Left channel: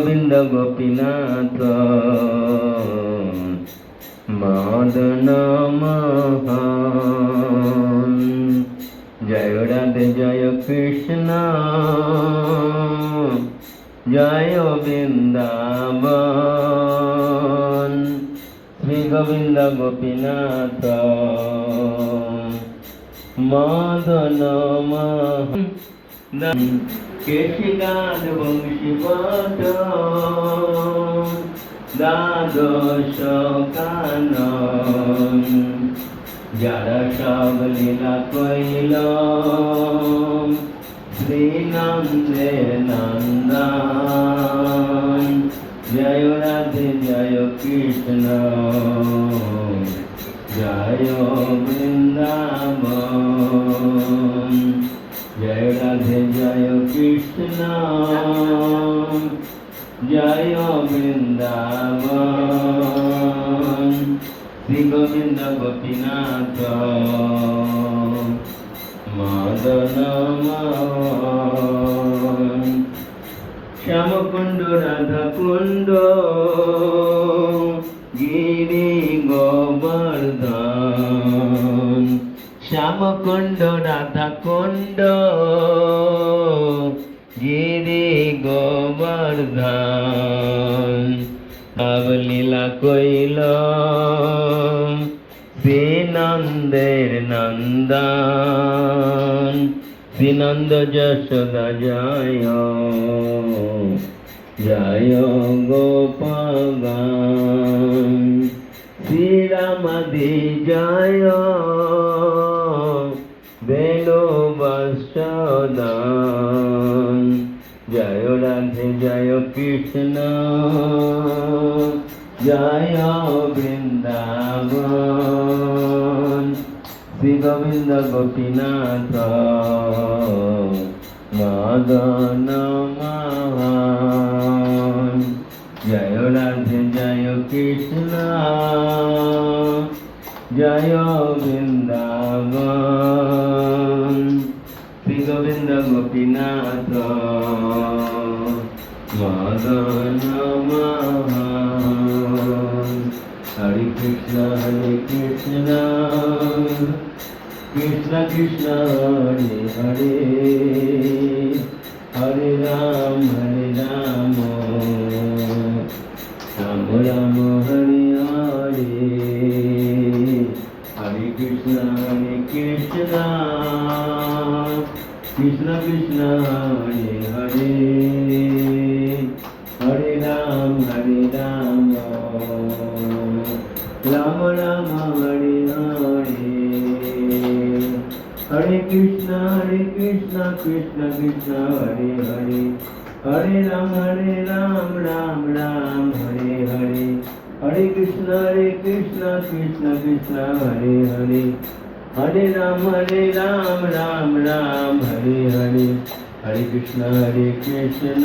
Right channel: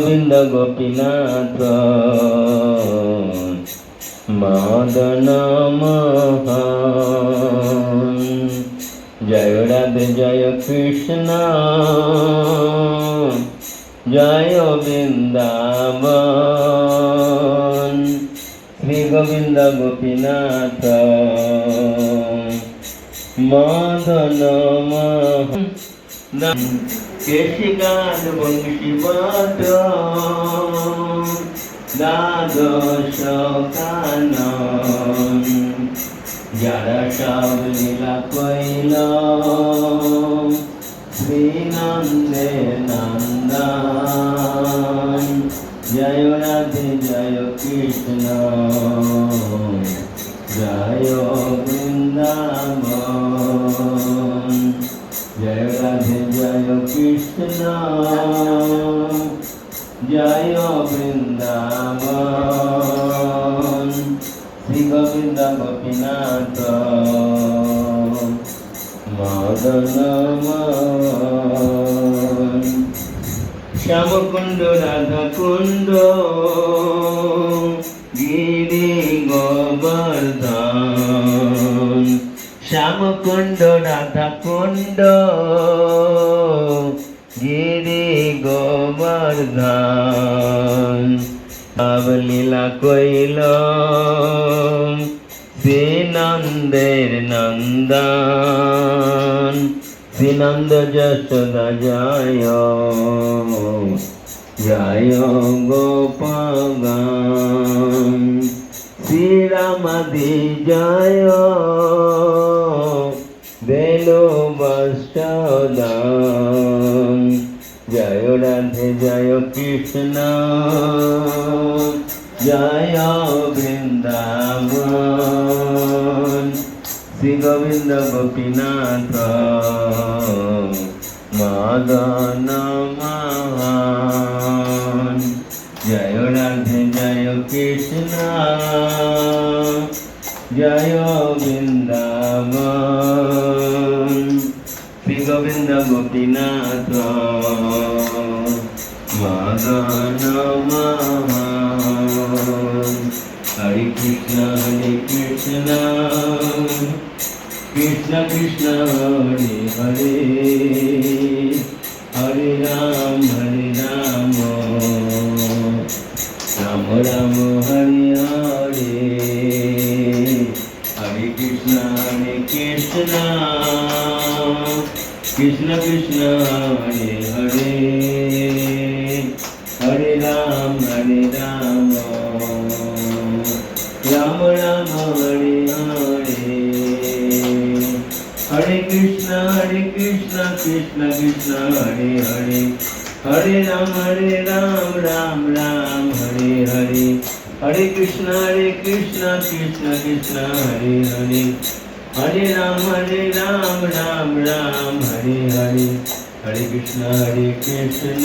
গোবিন্দ গোপীনাথ মদন মোহন। জয় রাধে জয় কৃষ্ণ জয় বৃন্দাবন। শ্রী গোবিন্দ গোপীনাথ মদন মোহন। কেশিকান বংশীপট দ্বাদশ কানন। যারা সব লীলা কইল শ্রীনন্দে নন্দন। জয় রাধে জয় কৃষ্ণ জয় বৃন্দাবন। জয় রাধে জয় কৃষ্ণ জয় বৃন্দাবন। শ্রী গোবিন্দ গোপীনাথ মদন মোহন। শ্যামকুণ্ড রাধাকুণ্ড গিরি গোবর্ধন। শ্যামকুণ্ড রাধাকুণ্ড গিরি গোবর্ধন। লীলা কইল শ্রীনন্দের নন্দন। শ্রীনন্দ যশোদা জয় জয় গোপগণ। শ্রীরামাদি জয় বেণু বৎসদন। জয় রাধে জয় কৃষ্ণ জয় বৃন্দাবন। শ্রী গোবিন্দ গোপীনাথ মদন মোহন। জয় রাধে জয় কৃষ্ণ জয় বৃন্দাবন। শ্রী গোবিন্দ গোপীনাথ মদন মোহন। হরে কৃষ্ণ কৃষ্ণ কৃষ্ণ হরে হরে, হরে রাম রাম রাম হরে হরে। হরে কৃষ্ণ কৃষ্ণ কৃষ্ণ হরে হরে, হরে রাম রাম রাম হরে হরে। হরে কৃষ্ণ কৃষ্ণ কৃষ্ণ হরে হরে, হরে রাম রাম হরে হরে। হরে কৃষ্ণ কৃষ্ণ কৃষ্ণ হরে হরে, হরে রাম রাম হরে হরে। হরে কৃষ্ণ কৃষ্ণ